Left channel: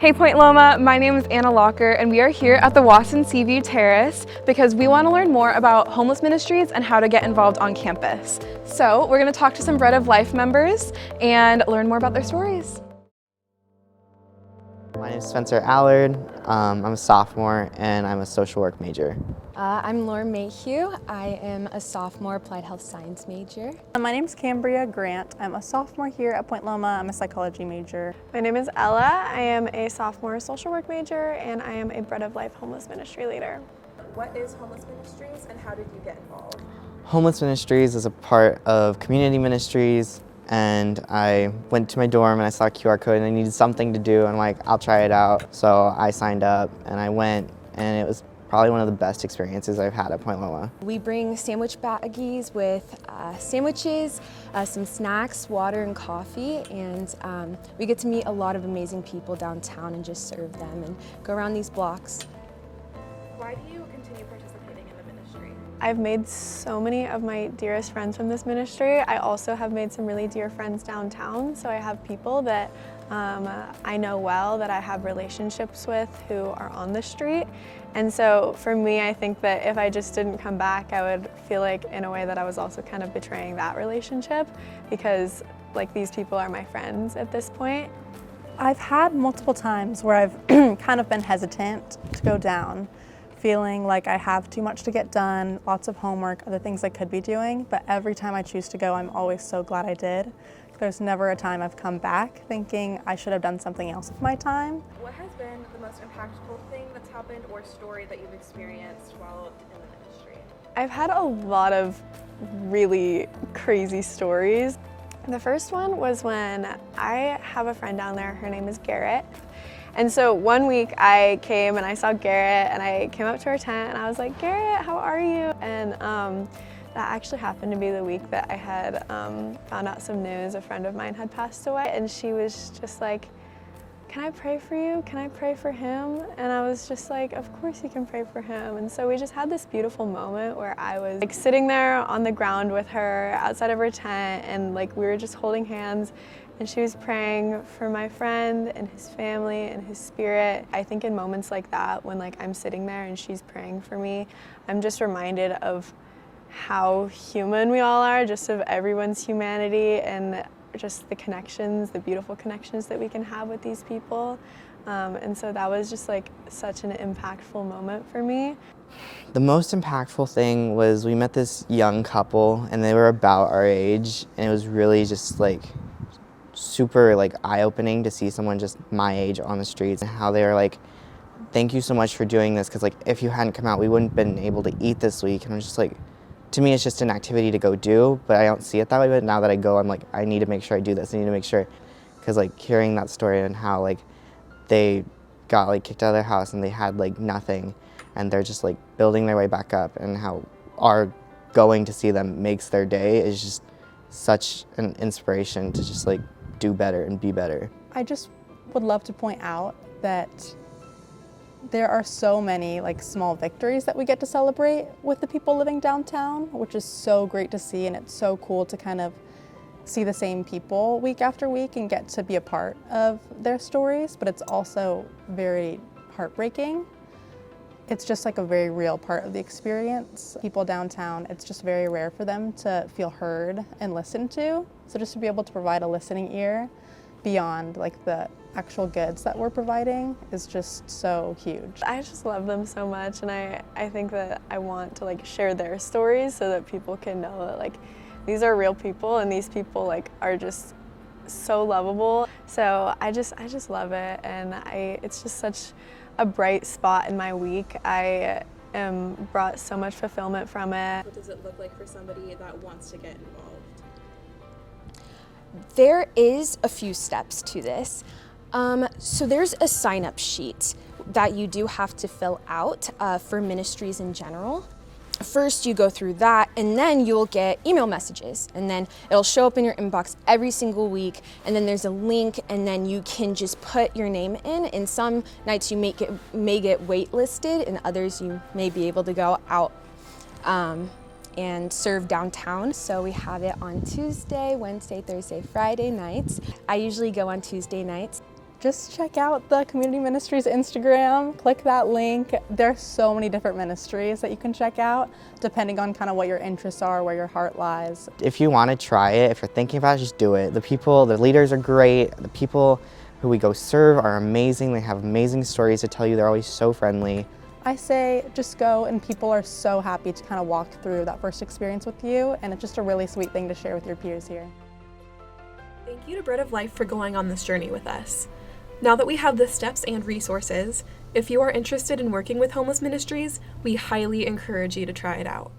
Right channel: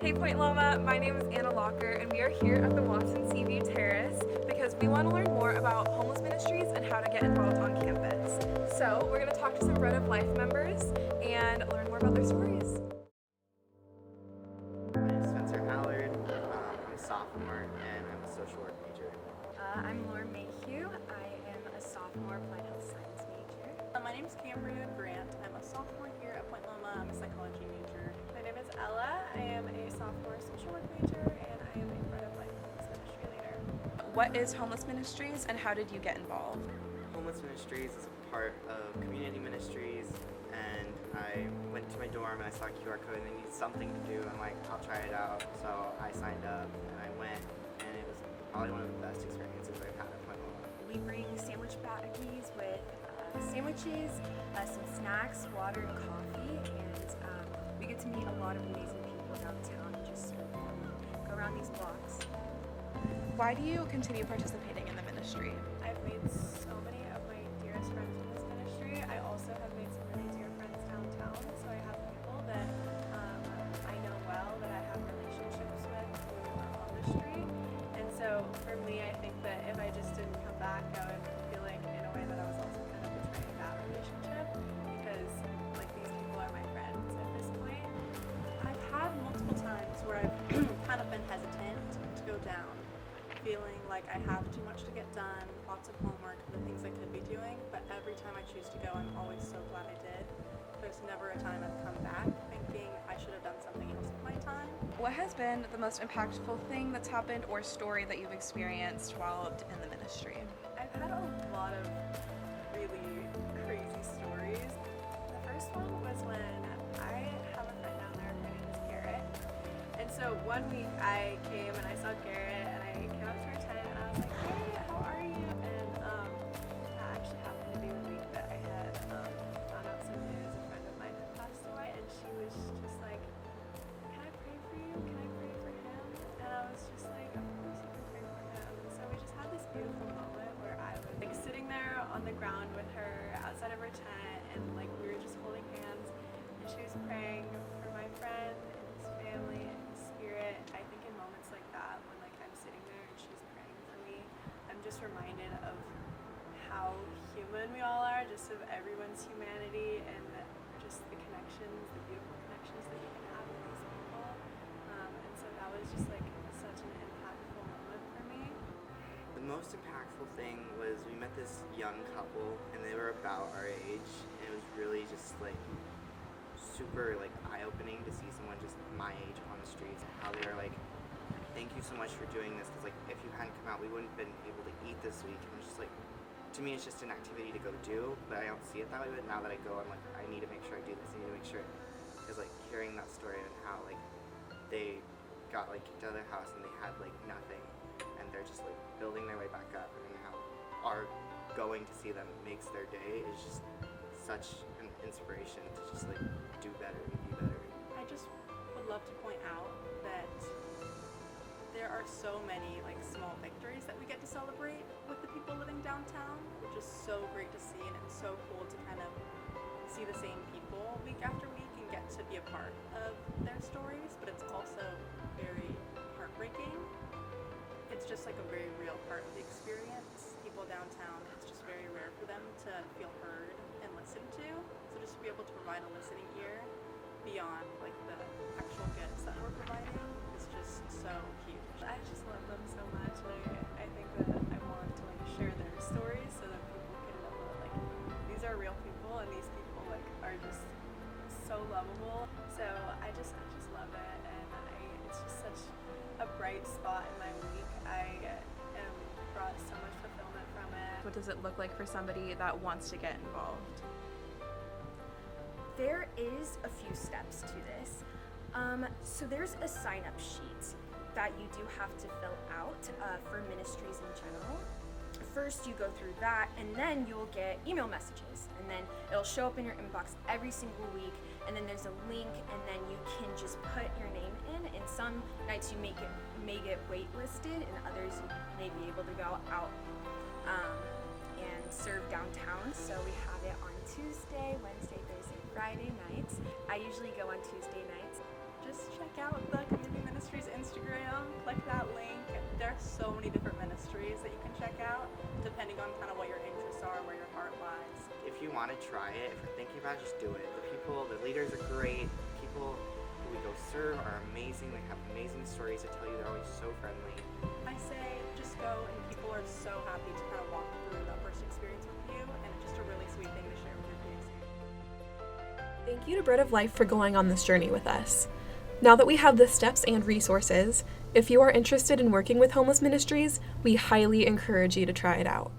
Hey Point Loma, my name is Anna Locker and we are here at the Wasson Seaview Terrace because we want to learn more about homeless ministries and how to get involved on campus. So we're going to talk to some Bread of Life members and learn more about their stories. My name is Spencer Allard. I'm a sophomore and I'm a social work major. I'm Laura Mayhew. I am a sophomore applied health science major. My name is Cambria Grant. I'm a sophomore here at Point Loma. I'm a psychology major. My name is Ella. I am a sophomore social work major and I am a Bread of Life homeless ministry leader. What is Homeless Ministries and how did you get involved? Homeless Ministries is a part of Community Ministries, and I went to my dorm and I saw a QR code and I needed something to do, and I'm like, I'll try it out. So I signed up and I went, and it was probably one of the best experiences I've had at Point Loma. We bring sandwich baggies with sandwiches, some snacks, water and coffee, and we get to meet a lot of amazing people downtown and just serve them and go around these blocks. Why do you continue participating in the ministry? I've made so many of my dearest friends from this ministry. I also have made some really dear friends downtown, so I have people that I know well, that I have relationships with who are on the street. And so for me, I think that if I just didn't come back, I would feel like in a way that I was also kind of betraying that relationship, because like these people are my friends at this point. I've had multiple times where I've kind of been hesitant to go down, feeling like I have too much to get done, lots of homework, other things I could be doing, but every time I choose to go, I'm always so glad I did. There's never a time I've come back thinking I should have done something else with my time. What has been the most impactful thing that's happened or story that you've experienced while in the ministry? I've had a lot of really crazy stories. The first one was when I have a friend down there, her name is Garrett. And so one week I came and I saw Garrett and I came up to her tent and I was like, Garrett, how are you? And that actually happened to be the week that I had found out some news. A friend of mine had passed away, and she was just like, can I pray for you? Can I pray for him? And I was just like, of course you can pray for him. And so we just had this beautiful moment where I was like sitting there on the ground with her outside of her tent, and like we were just holding hands, and she was praying for my friend and his family and his spirit. I think in moments like that, when like I'm sitting there and she's praying for me, I'm just reminded of how human we all are, just of everyone's humanity and just the connections, the beautiful connections that we can have with these people. And so that was just like such an impactful moment for me. The most impactful thing was we met this young couple and they were about our age, and it was really just like super like eye-opening to see someone just my age on the streets, and how they were like, thank you so much for doing this, because like if you hadn't come out we wouldn't have been able to eat this week. And I was just like, to me it's just an activity to go do, but I don't see it that way. But now that I go, I'm like, I need to make sure I do this. I need to make sure, because like hearing that story and how like they got like kicked out of their house and they had like nothing, and they're just like building their way back up, and how our going to see them makes their day is just such an inspiration to just like do better and be better. I just would love to point out that there are so many like small victories that we get to celebrate with the people living downtown, which is so great to see, and it's so cool to kind of see the same people week after week and get to be a part of their stories, but it's also very heartbreaking. It's just like a very real part of the experience. People downtown, it's just very rare for them to feel heard and listened to. So just to be able to provide a listening ear beyond like the actual goods that we're providing is just so huge. I just love them so much, and I think that I want to like share their stories so that people can know that like these are real people, and these people like are just so lovable. So I just love it, and it's just such a bright spot in my week. I brought so much fulfillment from it. What does it look like for somebody that wants to get involved? There is a few steps to this. So there's a sign-up sheet that you do have to fill out for ministries in general. First, you go through that, and then you'll get email messages, and then it'll show up in your inbox every single week, and then there's a link, and then you can just put your name in. And some nights you may get waitlisted, and others you may be able to go out and serve downtown. So we have it on Tuesday, Wednesday, Thursday, Friday nights. I usually go on Tuesday nights. just check out the Community Ministries Instagram, click that link. There's so many different ministries that you can check out depending on kind of what your interests are, where your heart lies. If you want to try it, if you're thinking about it, just do it. The leaders are great. The people who we go serve are amazing. They have amazing stories to tell you. They're always so friendly. I say just go, and people are so happy to kind of walk through that first experience with you, and it's just a really sweet thing to share with your peers here. Thank you to Bread of Life for going on this journey with us. Now that we have the steps and resources, if you are interested in working with homeless ministries, we highly encourage you to try it out.